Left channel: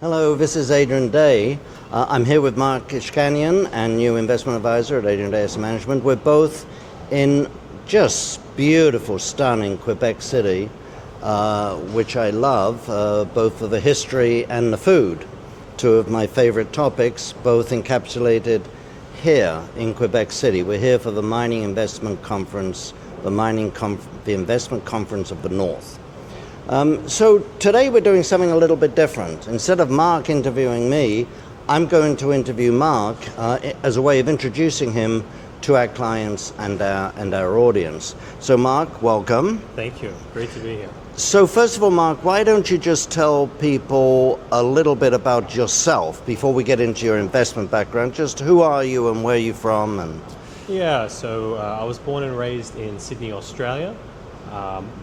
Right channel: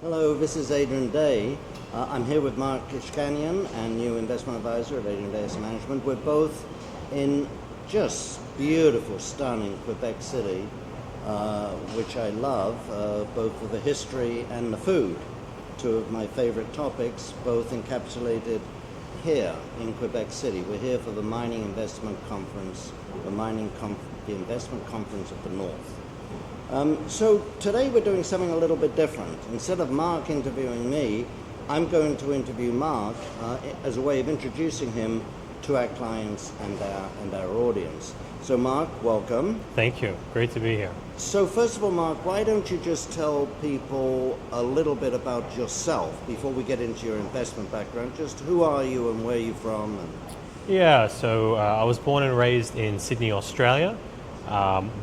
Hello, this is Adrian Day. I'm here with Mark Ishkanian, and new investment advisor at Adrian Day Asset Management. We're both in just beautiful, stunning Quebec City, which I love, both for the history and the food. Two of my favorite topics, both encapsulated here in Quebec City. We're here for the Mining Investment Conference, the Investment Conference of the North. So today we're doing something a little bit different. Instead of Mark interviewing me, I'm going to interview Mark as a way of introducing him to our clients and our audience. So Mark, welcome. Thank you. Great to be here. So first of all, Mark, why don't you just tell people a little bit about yourself before we get into your investment background? Just who are you and where are you from? So I was born and raised in Sydney, Australia.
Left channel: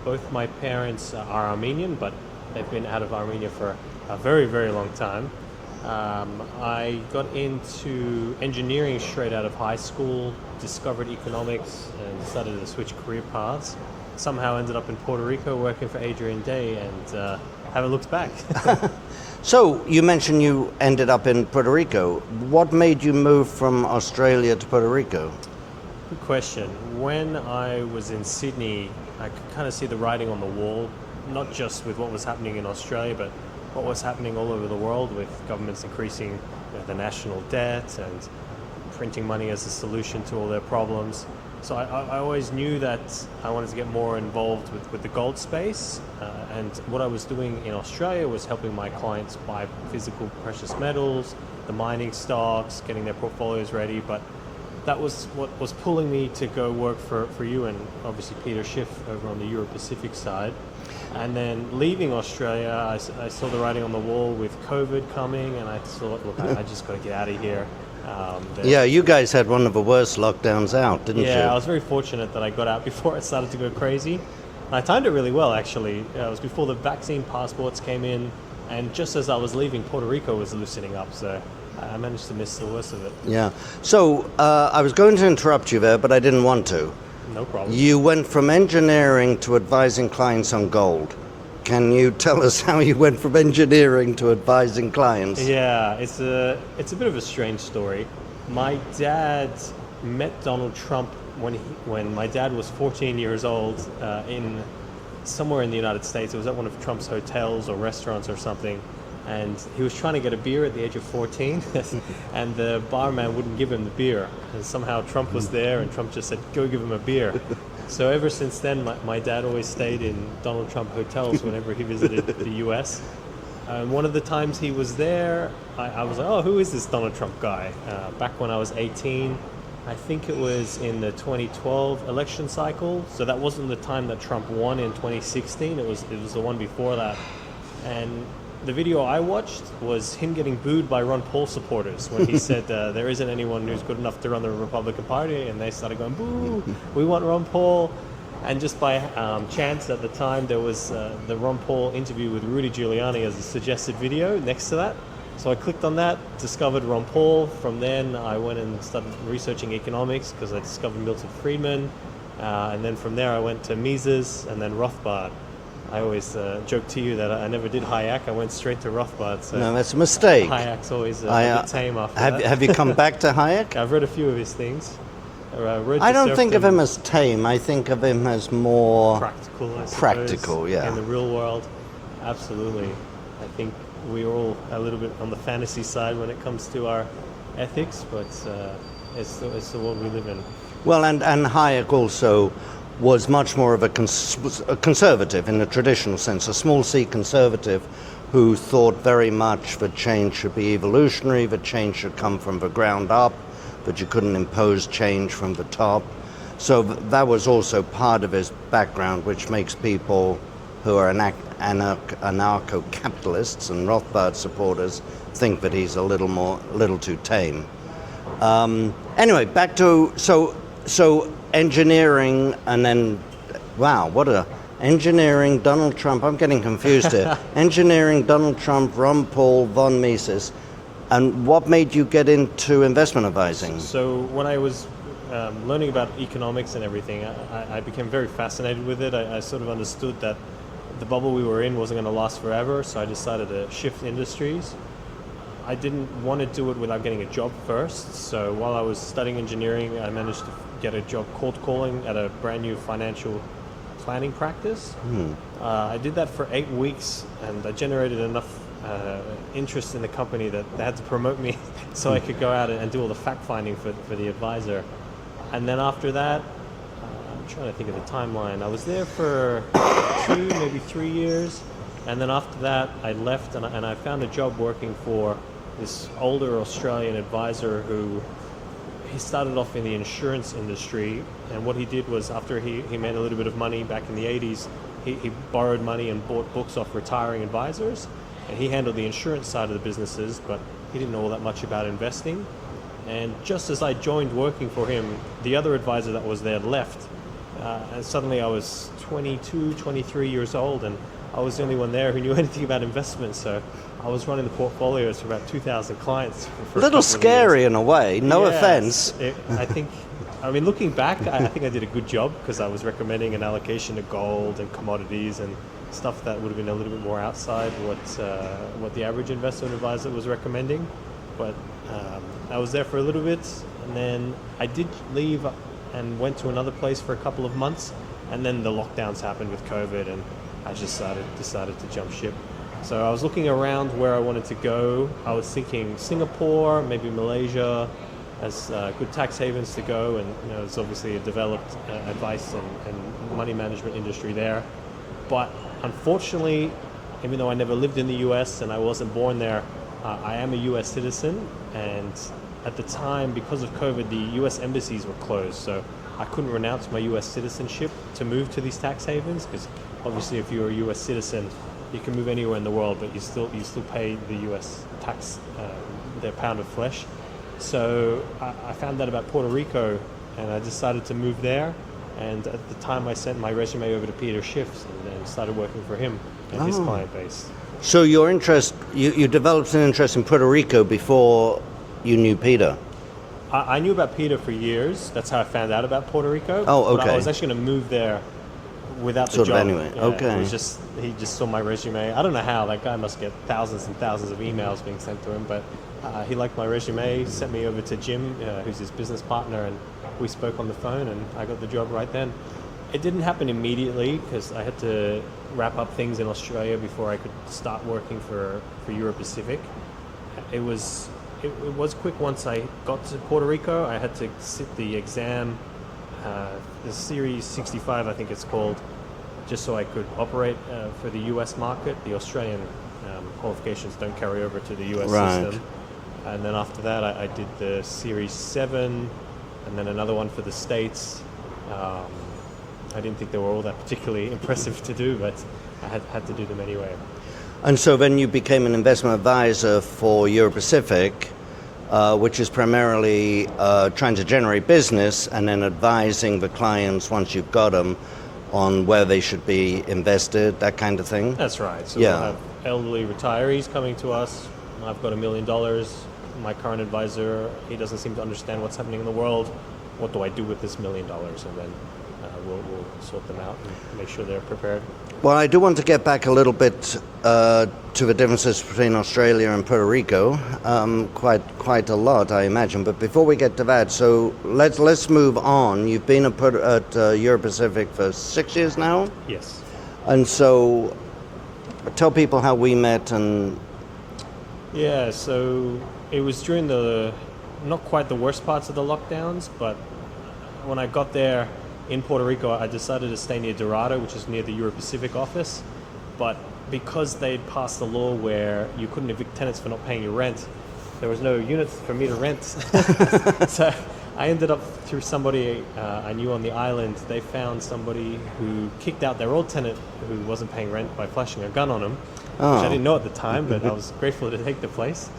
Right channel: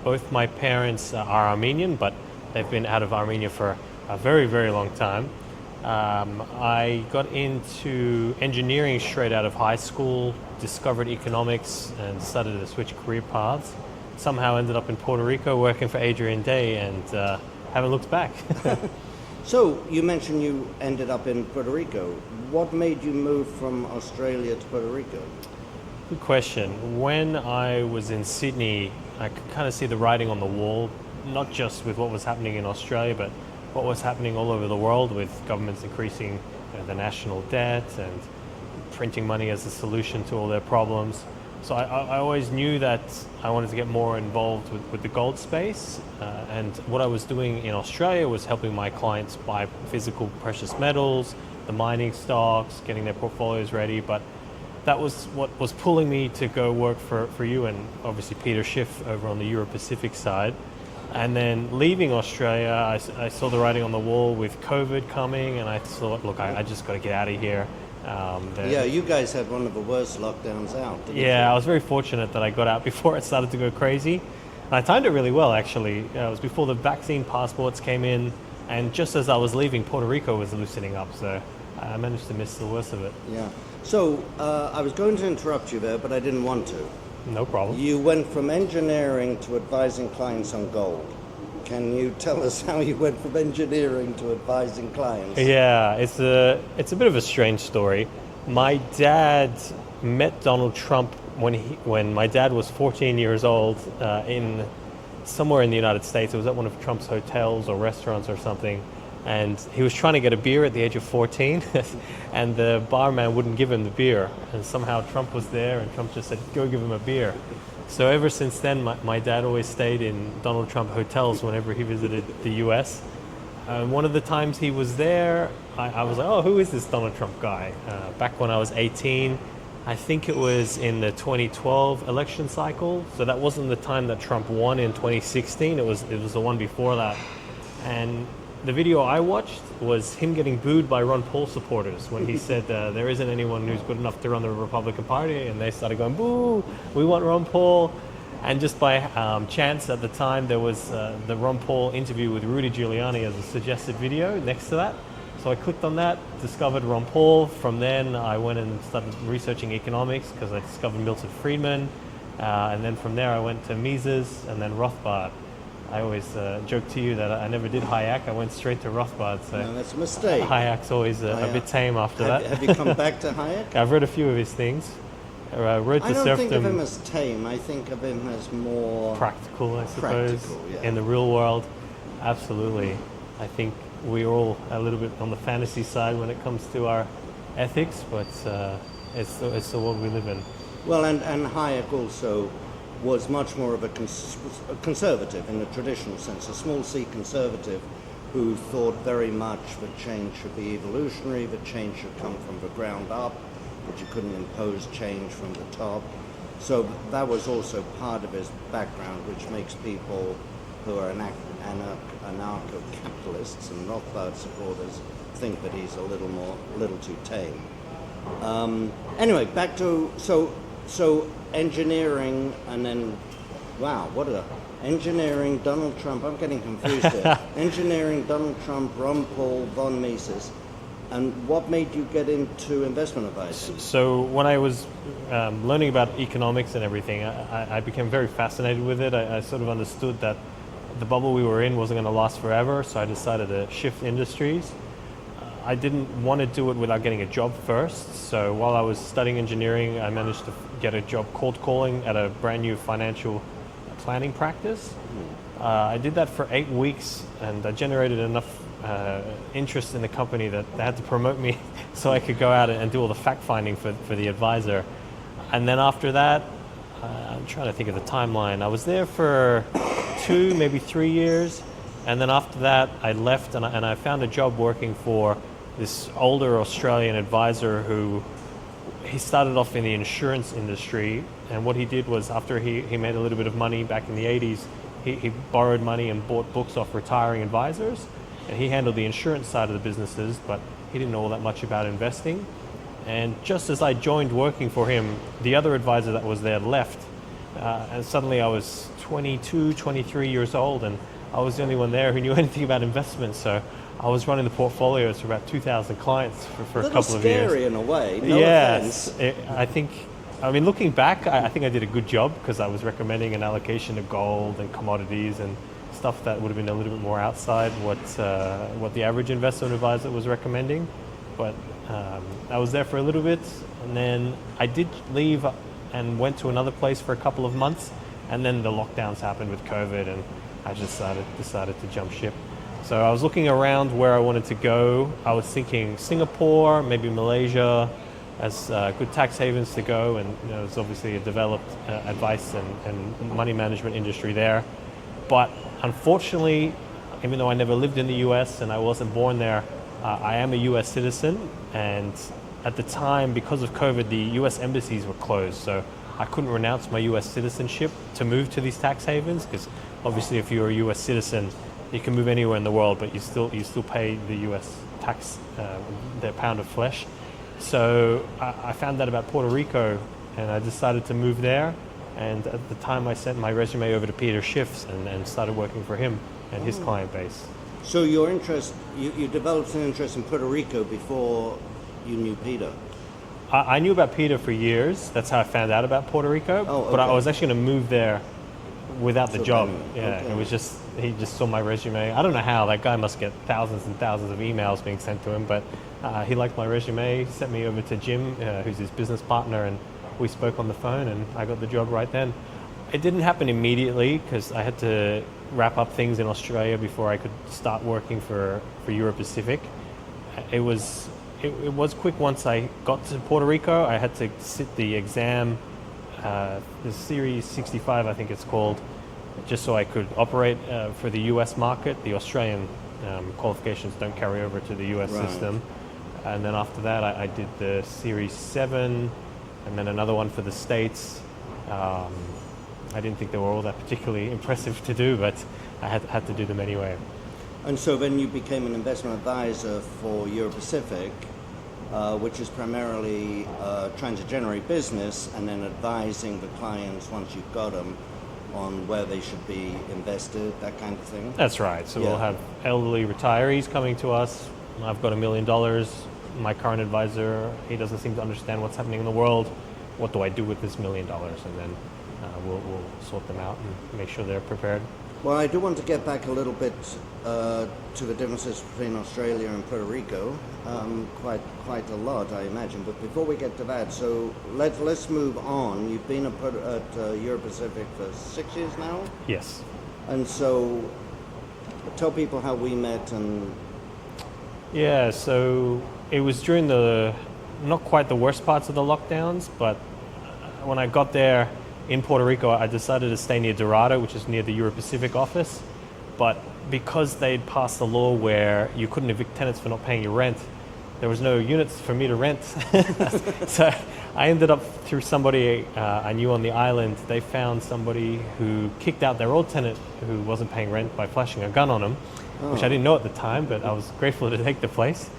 Both my parents are Armenian, but they've been out of Armenia for a very, very long time. I got into engineering straight out of high school, discovered economics, and decided to switch career paths. Somehow ended up in Puerto Rico working for Adrian Day and haven't looked back. So you mentioned you ended up in Puerto Rico. What made you move from Australia to Puerto Rico? Good question. When I was in Sydney, I could kind of see the writing on the wall, not just with what was happening in Australia, but what was happening all over the world with governments increasing the national debt and printing money as a solution to all their problems. So I always knew that I wanted to get more involved with the gold space, and what I was doing in Australia was helping my clients buy physical precious metals, the mining stocks, getting their portfolios ready, but that was what was pulling me to go work for you and obviously Peter Schiff over on the Euro-Pacific side. And then leaving Australia, I saw the writing on the wall with COVID coming, and I thought, look, I just got to get out of here. Yeah, you guys had one of the worst lockdowns out, didn't you? Yeah, I was very fortunate that I got out before it started to go crazy. I timed it really well, actually. It was before the vaccine passports came in, and just as I was leaving, Puerto Rico was loosening up, so I managed to miss the worst of it. Yeah. So I was going to interrupt you there, but I didn't want to. No problem. You went from engineering to advising clients on gold. Can you tell us how you went from engineering to advising clients? Yeah, it's a bit of a strange story. My dad met Donald Trump when my dad was 14 years old in somewhere in the United States. It was at one of Trump's hotels or restaurants or something. And he was trying to get a beer at the age of 14, and the barman wouldn't give him the beer. And somehow Trump was there, and Trump just said, go give him a beer. So ever since then, my dad always stayed in Donald Trump hotels whenever he visited the U.S. One of the times he was there, I was like, oh, who is this Donald Trump guy? Back when I was 18, I think it was in the 2012 election cycle. So that wasn't the time that Trump won in 2016. It was the one before that. And the video I watched was him getting booed by Ron Paul supporters when he said there isn't anyone who's good enough to run the Republican Party, and they started going, boo, we want Ron Paul. And just by chance at the time, there was the Ron Paul interview with Rudy Giuliani as a suggested video next to that. So I clicked on that, discovered Ron Paul. From then I went and started researching economics because I discovered Milton Friedman. And then from there I went to Mises and then Rothbard. I always joke to you that I never did Hayek. I went straight to Rothbard. So no, that's a mistake. Hayek's always a bit tame after that. Have you come back to Hayek? I've read a few of his things. I don't think of him as tame. I think of him as more practical, I suppose. Practical, yeah. In the real world, absolutely. I think we're all a little bit on the fantasy side when it comes to our ethics, but it's the world we live in. Well, and Hayek also was much more of a conservative in the traditional sense, a small c conservative who thought very much that change should be evolutionary, that change should come from the ground up, that you couldn't impose change from the top. So that was also part of his background, which makes people who are anarcho-capitalists and Rothbard supporters think that he's a little too tame. Anyway, back to so engineering, and then, wow, what a engineering, Donald Trump, I'm getting confused here. Engineering, Donald Trump, Ron Paul, von Mises. And what made you get into investment advising? So when I was learning about economics and everything, I became very fascinated with it. I sort of understood that the bubble we were in wasn't going to last forever, so I decided to shift industries. I didn't want to do it without getting a job first, so while I was studying engineering, I managed to get a job cold calling at a brand new financial planning practice. I did that for 8 weeks, and I generated enough interest in the company that they had to promote me so I could go out and do all the fact finding for the advisor. And then after that, I'm trying to think of the timeline. I was there for 2, maybe 3 years, and then after that I left and I found a job working for this older Australian advisor who he started off in the insurance industry, and what he did was after he made a little bit of money back in the 80s, he borrowed money and bought books off retiring advisors, and he handled the insurance side of the businesses, but he didn't know all that much about investing. And just as I joined working for him, the other advisor that was there left, and suddenly I was 22, 23 years old, and I was the only one there who knew anything about investments, so I was running the portfolios for about 2,000 clients for a little scary in a way, no Yes. offense. I mean, looking back, I think I did a good job because I was recommending an allocation to gold and commodities and stuff that would have been a little bit more outside what the average investment advisor was recommending. But I was there for a little bit, and then I did leave and went to another place for a couple of months, and then the lockdowns happened with COVID, and I just decided to jump ship. So I was looking around where I wanted to go. I was thinking Singapore, maybe Malaysia, as good tax havens to go, and there's obviously a developed advice and money management industry there. But unfortunately, even though I never lived in the U.S. and I wasn't born there, I am a U.S. citizen, and at the time, because of COVID, the U.S. embassies were closed, so I couldn't renounce my U.S. citizenship to move to these tax havens, because obviously if you're a U.S. citizen, you can move anywhere in the world, but you still pay the U.S. tax, their pound of flesh. So I found out about Puerto Rico, and I decided to move there. And at the time, I sent my resume over to Peter Schiff's and started working for him in his client base. So your interest, you developed an interest in Puerto Rico before you knew Peter? I knew about Peter for years. That's how I found out about Puerto Rico. Oh, okay. But I was actually going to move there without the job. Anyway, Yeah, okay. It was he just saw my resume. I don't know how. That guy must get thousands and thousands of emails being sent to him, but he liked my resume, sent me over to Jim, who's his business partner, and we spoke on the phone, and I got the job right then. It didn't happen immediately because I had to wrap up things in Australia before I could start working for Europe Pacific. It was quick. Once I got to Puerto Rico, I had to sit the exam, the Series 65, I think it's called, just so I could operate for the US market. The Australian qualifications don't carry over to the US system. And then after that, I did the Series 7, and then another one for the States. I didn't think they were all that particularly impressive to do, but I had to do them anyway. And so then you became an investment advisor for Europe Pacific, which is primarily trying to generate business and then advising the clients once you've got them on where they should be invested, that kind of thing? That's right. So Yeah. we'll have elderly retirees coming to us. I've got $1 million. My current advisor, he doesn't seem to understand what's happening in the world. What do I do with this $1 million? And then we'll sort them out and make sure they're prepared. Well, I do want to get back a little bit to the differences between Australia and Puerto Rico, quite a lot, I imagine. But before we get to that, so let's move on. You've been at Europe Pacific for 6 years now, Yes. and so tell people how we met and. Yeah, so it was during not quite the worst parts of the lockdowns, but when I got there in Puerto Rico, I decided to stay near Dorado, which is near the Europe Pacific office. But because they'd passed a law where you couldn't evict tenants for not paying your rent, there was no units for me to rent. So I ended up, through somebody I knew on the island, they found somebody who kicked out their old tenant who wasn't paying rent by flashing a gun on him, which I didn't know at the time, but I was grateful to take the place.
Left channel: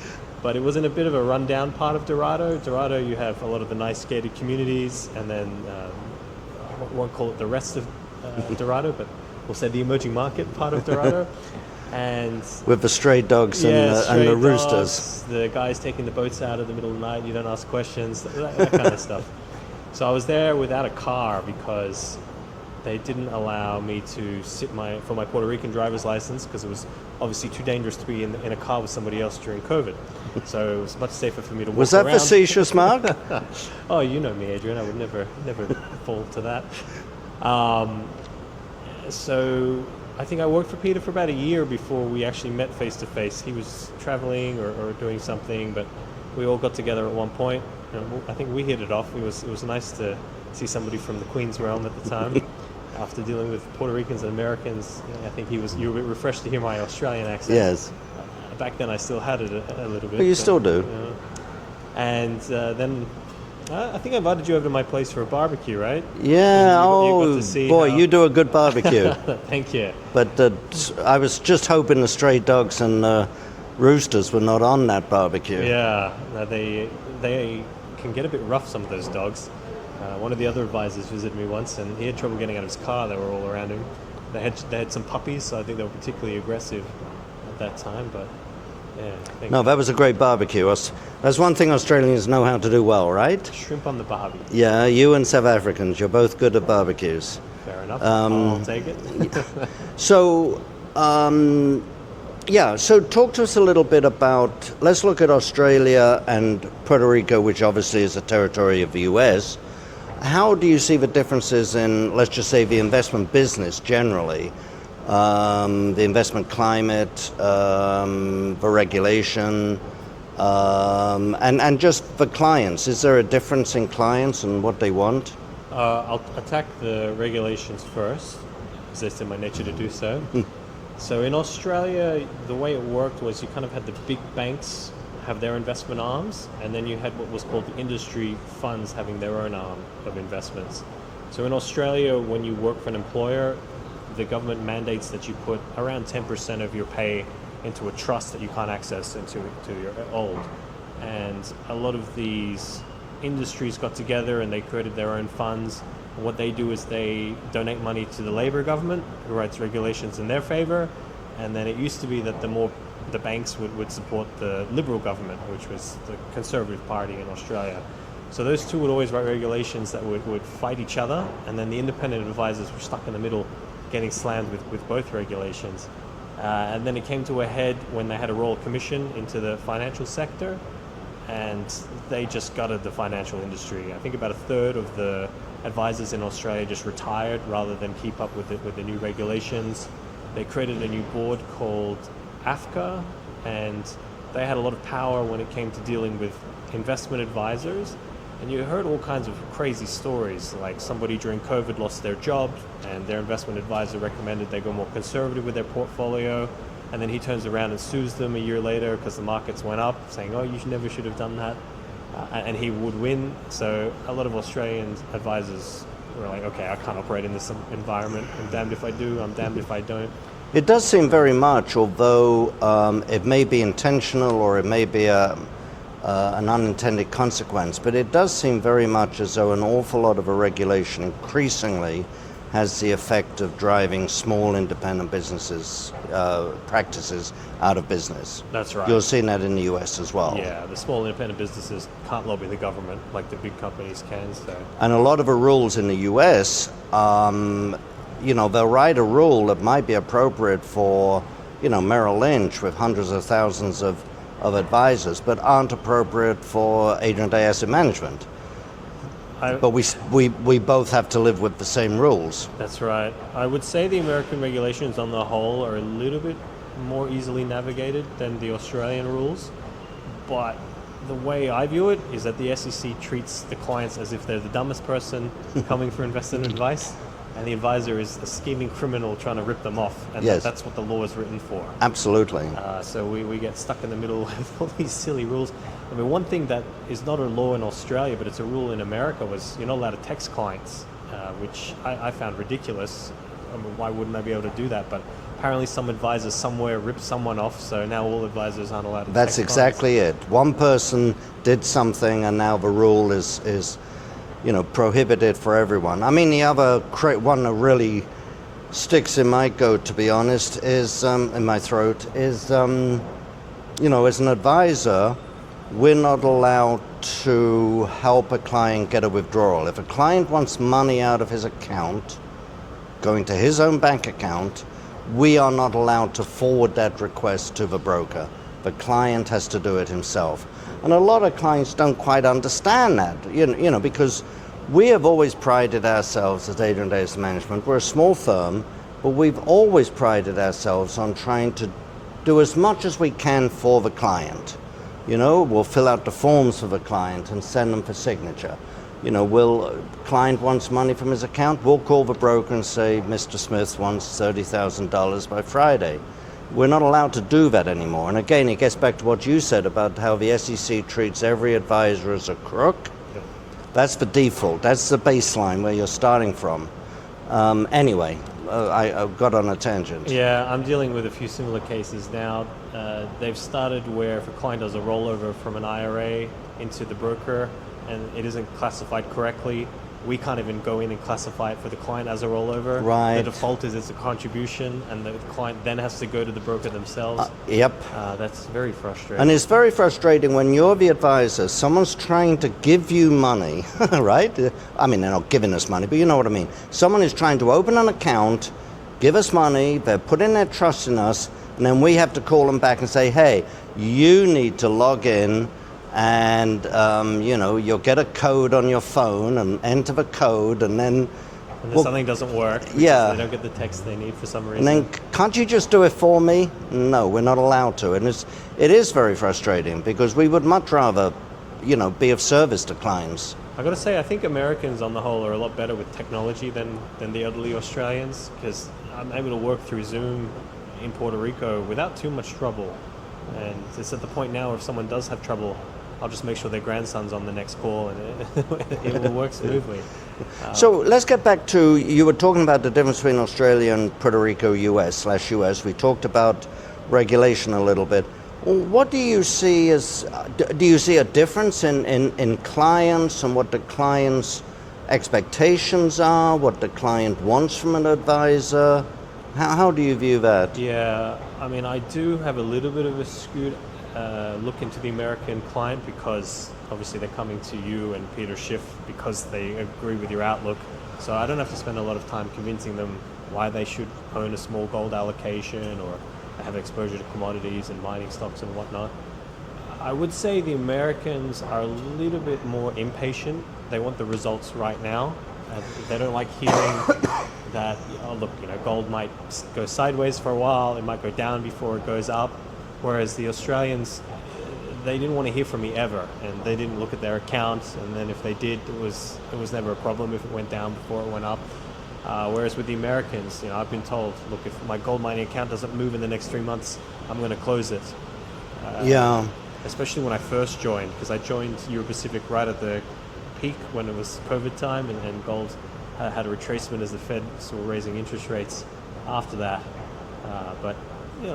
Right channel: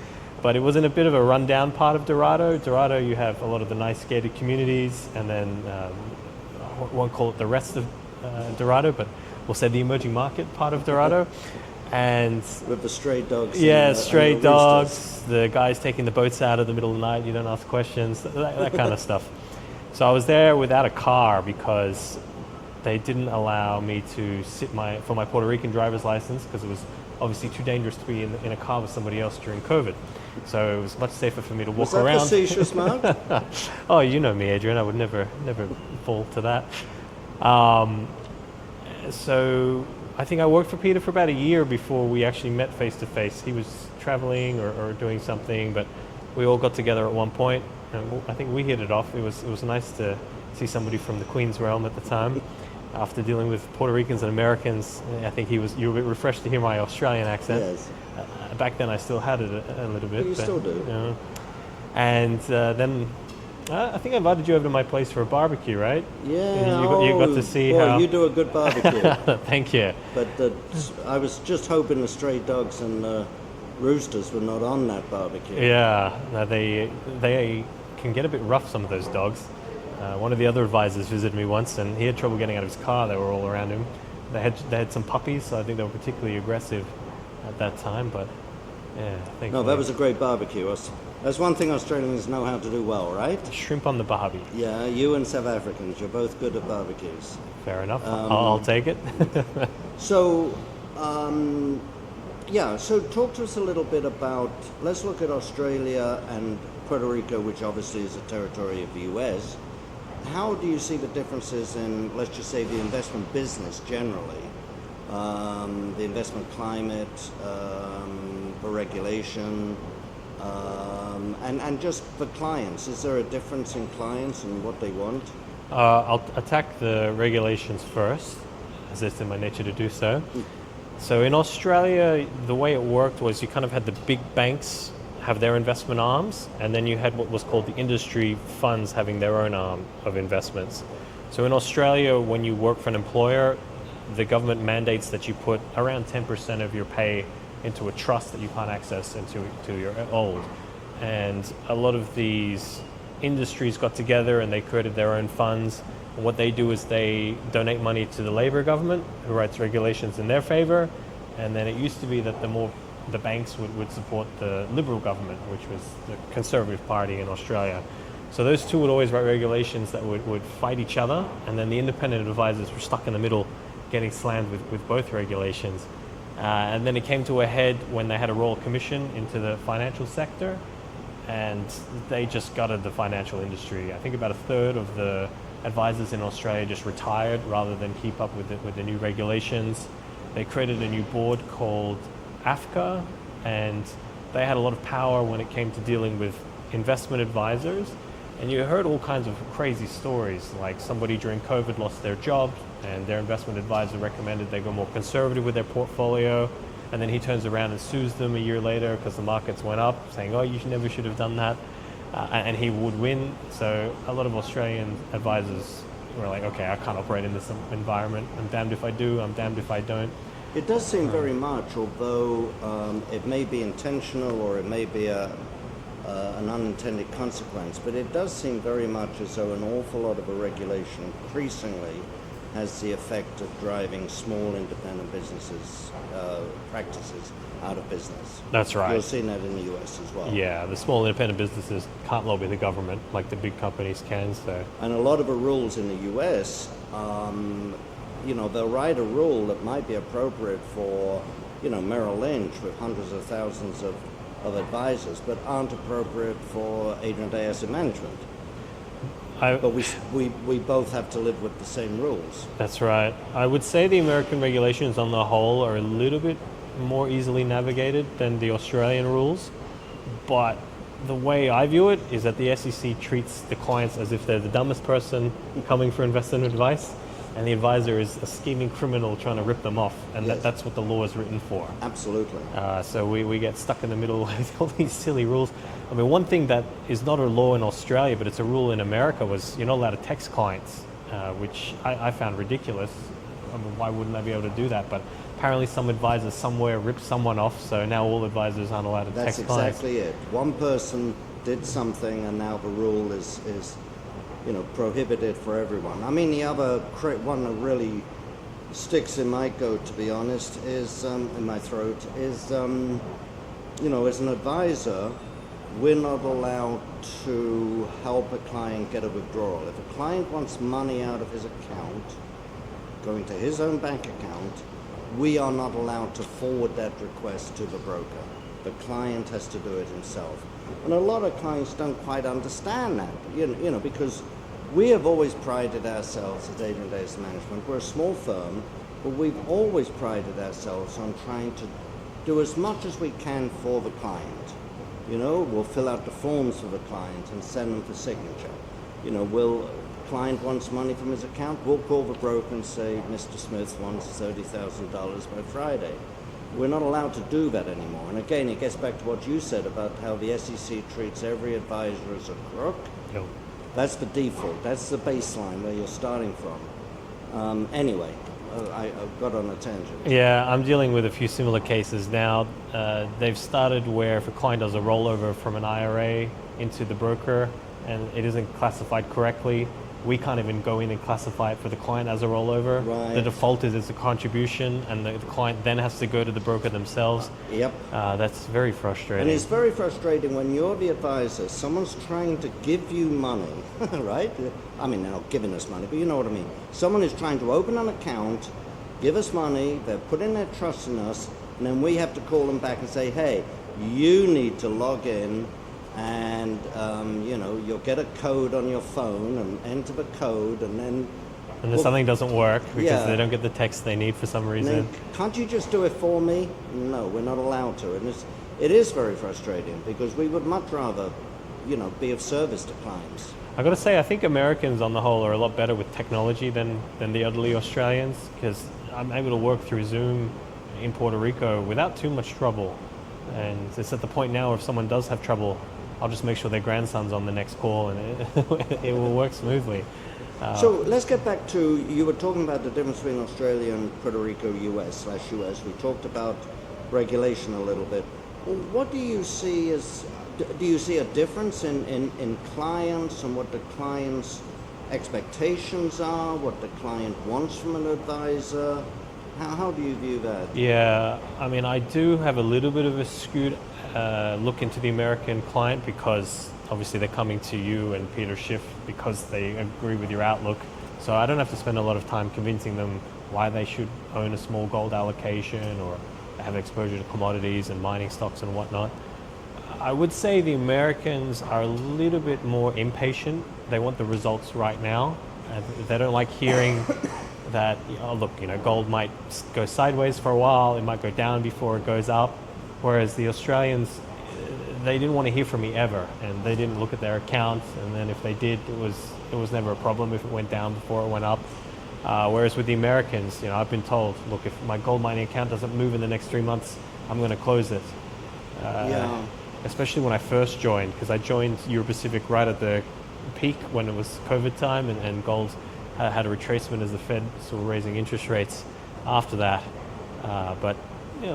But it was in a bit of a rundown part of Dorado. Dorado, you have a lot of the nice gated communities, and then we won't call it the rest of Dorado, but we'll say the emerging market part of Dorado. And with the stray dogs and stray the roosters. dogs, the guys taking the boats out in the middle of the night, you don't ask questions, that kind of stuff. So I was there without a car because they didn't allow me to sit for my Puerto Rican driver's license because it was obviously too dangerous to be in a car with somebody else during COVID. So it was much safer for me to walk Was that around. facetious, Mark? Oh, you know me, Adrian. I would never fall to that. So I think I worked for Peter for about a year before we actually met face to face. He was traveling or doing something, but we all got together at one point. I think we hit it off. It was nice to see somebody from the Queen's realm at the time. After dealing with Puerto Ricans and Americans, I think you were a bit refreshed to hear my Australian accent. Yes. Back then I still had it a little bit. But you still do. And then I think I invited you over to my place for a barbecue, right? Yeah, you got to see boy, how... you do a good barbecue. Thank you. But I was just hoping the stray dogs and roosters were not on that barbecue. Yeah, they can get a bit rough, some of those dogs. One of the other advisors visited me once, and he had trouble getting out of his car. They were all around him. They had some puppies, so I think they were particularly aggressive at that time. But yeah, No, that was a great barbecue. That's one thing Australians know how to do well, right? Shrimp on the barbie. Yeah, you and South Africans, you're both good at barbecues. Fair enough. I'll take it. So, so talk to us a little bit about, let's look at Australia and Puerto Rico, which obviously is a territory of the U.S. How do you see the differences in, let's just say, the investment business generally, the investment climate, the regulation, and just the clients? Is there a difference in clients and what they want? I'll attack the regulations first, as it's in my nature to do so. So in Australia, the way it worked was you kind of had the big banks have their investment arms, and then you had what was called the industry funds having their own arm of investments. So in Australia, when you work for an employer, the government mandates that you put around 10% of your pay into a trust that you can't access until you're old. And a lot of these industries got together and they created their own funds. What they do is they donate money to the Labor government, who writes regulations in their favor. And then it used to be that the banks would support the Liberal government, which was the Conservative Party in Australia. So those two would always write regulations that would fight each other, and then the independent advisors were stuck in the middle, getting slammed with both regulations. And then it came to a head when they had a Royal Commission into the financial sector, and they just gutted the financial industry. I think about a third of the advisors in Australia just retired rather than keep up with the new regulations. They created a new board called AFCA, and they had a lot of power when it came to dealing with investment advisors. And you heard all kinds of crazy stories, like somebody during COVID lost their job and their investment advisor recommended they go more conservative with their portfolio, and then he turns around and sues them a year later because the markets went up, saying, oh, you never should have done that, and he would win. So a lot of Australian advisors were like, okay, I can't operate in this environment. I'm damned if I do, I'm damned if I don't. It does seem very much, although it may be intentional or it may be an unintended consequence, but it does seem very much as though an awful lot of a regulation increasingly has the effect of driving small independent businesses, practices out of business. That's right. You're seeing that in the US as well. Yeah, the small independent businesses can't lobby the government like the big companies can. So. And a lot of the rules in the US, they'll write a rule that might be appropriate for, Merrill Lynch with hundreds of thousands of advisors, but aren't appropriate for Adrian Asset Management. But we both have to live with the same rules. That's right. I would say the American regulations on the whole are a little bit more easily navigated than the Australian rules, but the way I view it is that the SEC treats the clients as if they're the dumbest person coming for investment advice, and the advisor is a scheming criminal trying to rip them off, and yes. That's what the law is written for. Absolutely. So we get stuck in the middle with all these silly rules. I mean, one thing that is not a law in Australia, but it's a rule in America, was you're not allowed to text clients, which I found ridiculous. I mean, why wouldn't I be able to do that? But apparently some advisor somewhere ripped someone off, so now all advisors aren't allowed to That's text exactly clients. it. One person did something, and now the rule is prohibited for everyone. I mean, the other one that really sticks in my goat, to be honest, is in my throat, is as an advisor, we're not allowed to help a client get a withdrawal. If a client wants money out of his account, going to his own bank account, we are not allowed to forward that request to the broker. The client has to do it himself. And a lot of clients don't quite understand that, because we have always prided ourselves as Adrian Asset Management. We're a small firm, but we've always prided ourselves on trying to do as much as we can for the client. We'll fill out the forms for the client and send them for signature. Client wants money from his account, we'll call the broker and say, Mr. Smith wants $30,000 by Friday. We're not allowed to do that anymore. And again, it gets back to what you said about how the SEC treats every advisor as a crook. That's the default. That's the baseline where you're starting from. Anyway, I got on a tangent. Yeah, I'm dealing with a few similar cases now. They've started where if a client does a rollover from an IRA into the broker and it isn't classified correctly, we can't even go in and classify it for the client as a rollover. Right. The default is it's a contribution, and the client then has to go to the broker themselves. Yep. That's very frustrating. And it's very frustrating when you're the advisor, someone's trying to give you money, right? I mean, they're not giving us money, but you know what I mean. Someone is trying to open an account, give us money, they're putting their trust in us, and then we have to call them back and say, hey, you need to log in, and you'll get a code on your phone and enter the code, and then something doesn't work because they don't get the text they need for some reason. And then, can't you just do it for me? No, we're not allowed to. And it is very frustrating because we would much rather, be of service to clients. I got to say, I think Americans on the whole are a lot better with technology than the elderly Australians, because I'm able to work through Zoom in Puerto Rico without too much trouble. And it's at the point now if someone does have trouble, I'll just make sure their grandson's on the next call and it will work smoothly. So let's get back to, you were talking about the difference between Australia and Puerto Rico, US. We talked about regulation a little bit. What do you see do you see a difference in clients and what the client's expectations are, what the client wants from an advisor? How do you view that? Yeah, I mean, I do have a little bit of a skewed look into the American client because obviously they're coming to you and Peter Schiff because they agree with your outlook. So I don't have to spend a lot of time convincing them why they should own a small gold allocation or have exposure to commodities and mining stocks and whatnot. I would say the Americans are a little bit more impatient. They want the results right now. They don't like hearing that, gold might go sideways for a while, it might go down before it goes up. Whereas the Australians, they didn't want to hear from me ever, and they didn't look at their accounts, and then if they did, it was never a problem if it went down before it went up. Whereas with the Americans, I've been told, look, if my gold mining account doesn't move in the next 3 months, I'm going to close it. Especially when I first joined, because I joined Euro Pacific right at the peak when it was COVID time, and gold had a retracement as the Fed sort of raising interest rates after that. But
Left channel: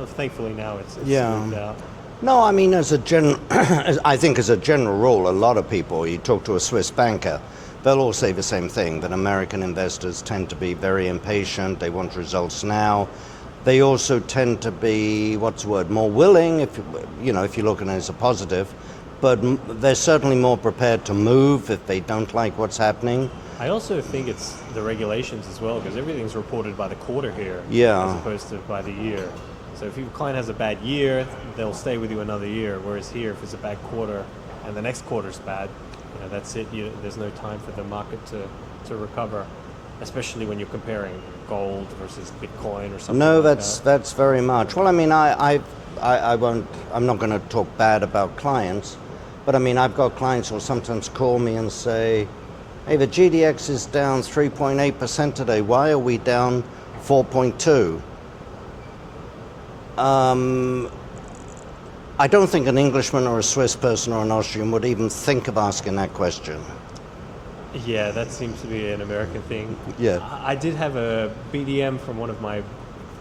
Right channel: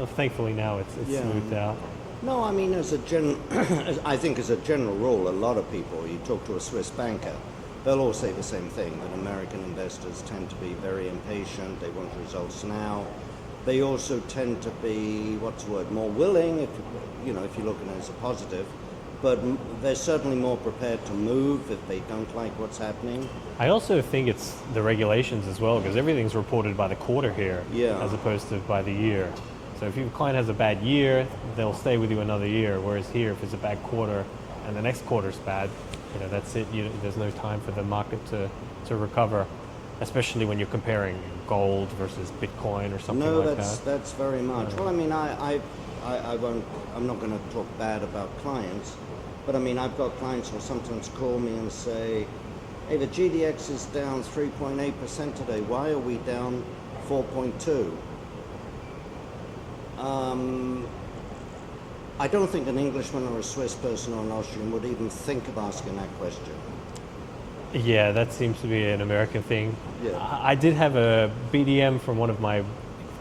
thankfully now it's smoothed out. No, I mean, I think as a general rule, a lot of people, you talk to a Swiss banker, they'll all say the same thing, that American investors tend to be very impatient, they want results now. They also tend to be, more willing, if you look at it as a positive, but they're certainly more prepared to move if they don't like what's happening. I also think it's the regulations as well, because everything's reported by the quarter here, as opposed to by the year. So if your client has a bad year, they'll stay with you another year. Whereas here, if it's a bad quarter and the next quarter's bad, that's it. There's no time for the market to recover, especially when you're comparing gold versus Bitcoin or something. No, like that's very much. Well, I mean, I won't. I'm not going to talk bad about clients, but I mean, I've got clients who'll sometimes call me and say, "Hey, the GDX is down 3.8% today. Why are we down 4.2%?" I don't think an Englishman or a Swiss person or an Austrian would even think of asking that question. Yeah, that seems to be an American thing. Yeah. I did have a BDM from one of my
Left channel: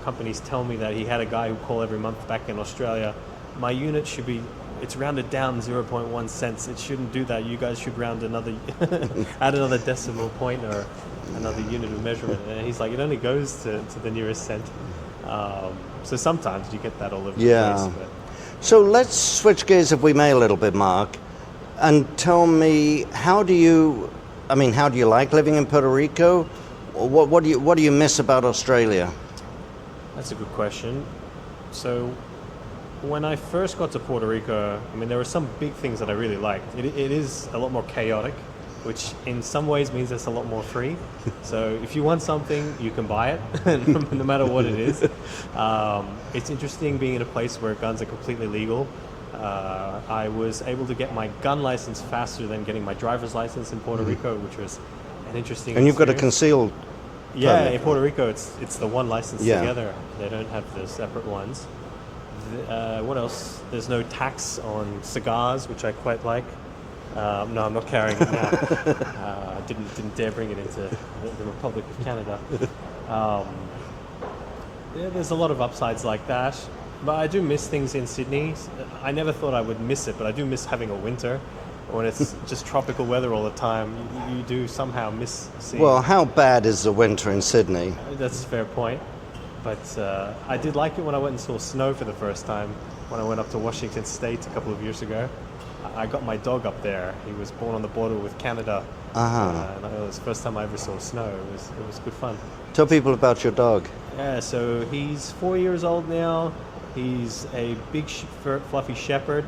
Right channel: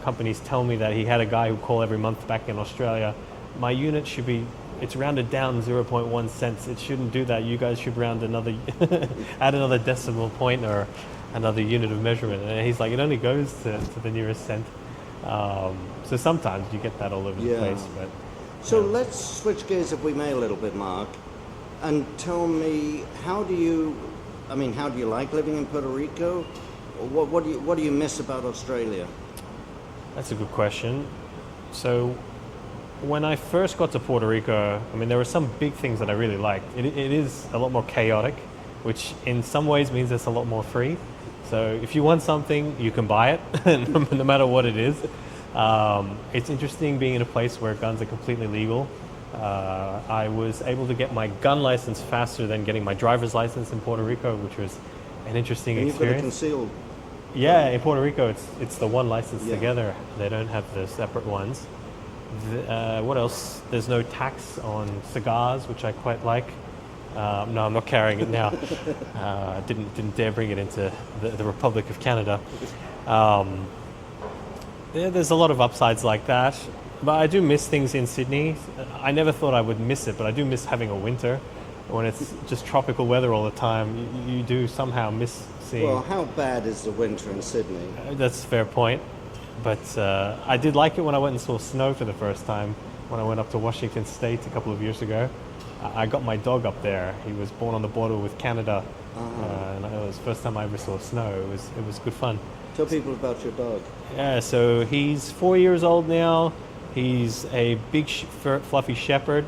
companies tell me that he had a guy who called every month back in Australia. My unit should be, it's rounded down 0.1 cents. It shouldn't do that. You guys should round add another decimal point or another unit of measurement. And he's like, it only goes to the nearest cent. So sometimes you get that all over the place. But. So let's switch gears, if we may, a little bit, Mark, and tell me, how do you like living in Puerto Rico? What do you miss about Australia? That's a good question. So, when I first got to Puerto Rico, I mean, there were some big things that I really liked. It is a lot more chaotic, which in some ways means it's a lot more free. So if you want something, you can buy it, no matter what it is. It's interesting being in a place where guns are completely legal. I was able to get my gun license faster than getting my driver's license in Puerto Rico, which was an interesting And you've got a experience. concealed. Yeah, permit. in Puerto Rico, it's the one license Yeah. together. They don't have the separate ones. What else? There's no tax on cigars, which I quite like. No, I'm not carrying it now. Didn't dare bring it into the Republic of Canada. There's a lot of upsides like that, but I do miss things in Sydney. I never thought I would miss it, but I do miss having a winter when it's just tropical weather all the time. You do somehow miss seeing. Well, how bad is the winter in Sydney? That's a fair point. But I did like it when I went and saw snow for the first time when I went up to Washington State a couple of years ago. I got my dog up there. He was born on the border with Canada. And it was the first time I ever saw snow. It was good fun. Tell people about your dog. Yeah, so he's 4 years old now. He's a big, fluffy shepherd.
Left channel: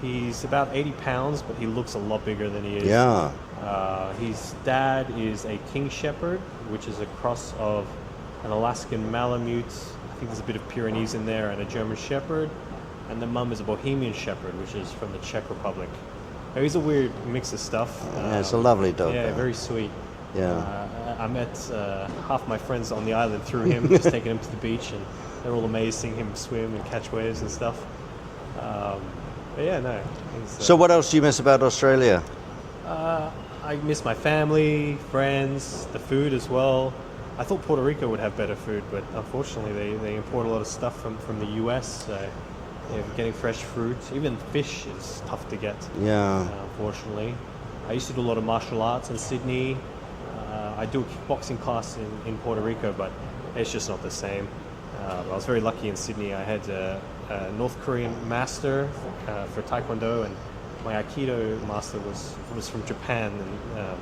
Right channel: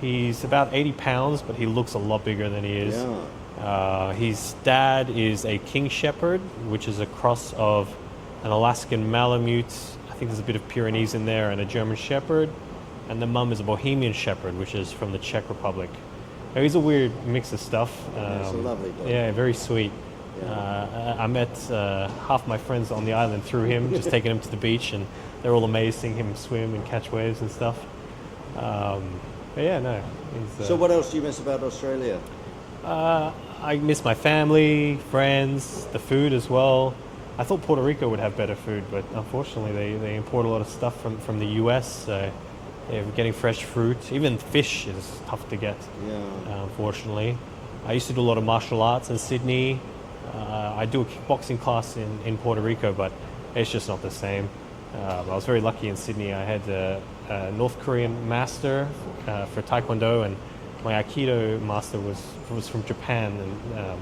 He's about 80 pounds, but he looks a lot bigger than he is. Yeah. His dad is a King Shepherd, which is a cross of an Alaskan Malamute, I think there's a bit of Pyrenees in there, and a German Shepherd. And the mum is a Bohemian Shepherd, which is from the Czech Republic. Now, he's a weird mix of stuff. Yeah, it's a lovely dog. Yeah, very sweet. Yeah. I met half my friends on the island through him, just taking him to the beach, and they're all amazed seeing him swim and catch waves and stuff. Yeah, no. So what else do you miss about Australia? I miss my family, friends, the food as well. I thought Puerto Rico would have better food, but unfortunately they import a lot of stuff from the U.S. Getting fresh fruit, even fish is tough to get. Yeah. Unfortunately, I used to do a lot of martial arts in Sydney. I do a kickboxing class in Puerto Rico, but it's just not the same. I was very lucky in Sydney. I had a North Korean master for Taekwondo, and my Aikido master was from Japan. And,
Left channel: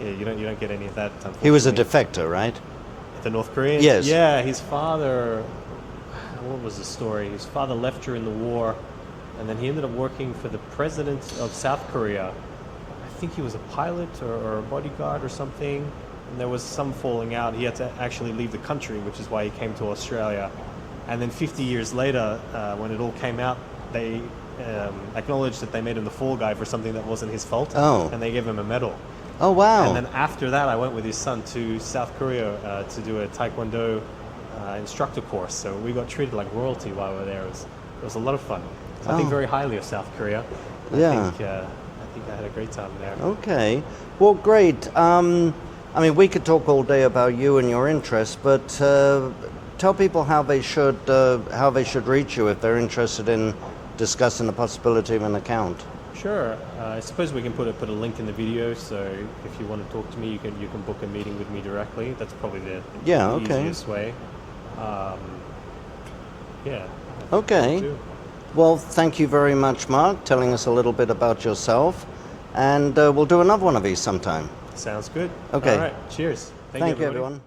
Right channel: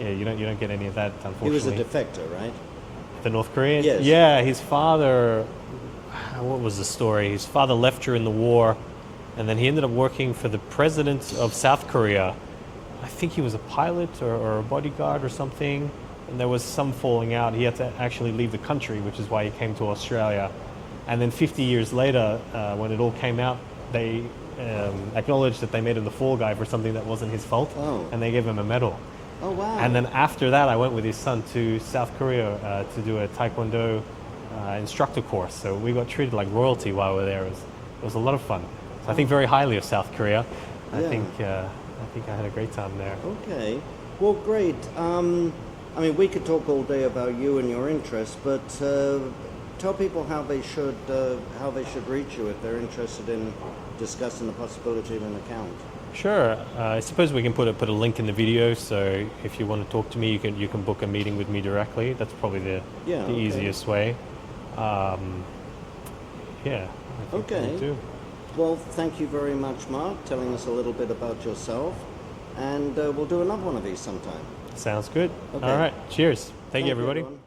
yeah, you don't get any of that. He was a defector, right? The North Korean? Yes. Yeah, his father. What was the story? His father left during the war, and then he ended up working for the president of South Korea. I think he was a pilot or a bodyguard or something, and there was some falling out. He had to actually leave the country, which is why he came to Australia. And then 50 years later, when it all came out, they acknowledged that they made him the fall guy for something that wasn't his fault, and they gave him a medal. Oh, wow. And then after that, I went with his son to South Korea to do a Taekwondo instructor course. So we got treated like royalty while we were there. It was a lot of fun. I think very highly of South Korea. Yeah. I think I had a great time there. Okay. Well, great. I mean, we could talk all day about you and your interests, but tell people how they should reach you if they're interested in discussing the possibility of an account. Sure. I suppose we can put a link in the video, so if you want to talk to me, you can book a meeting with me directly. That's probably the easiest way. Yeah. Okay. Well, thank you very much, Mark, telling us a little bit about yourself, and we'll do another one of these sometime. Sounds good. Okay. All right. Cheers. Thank you, everybody. Everyone.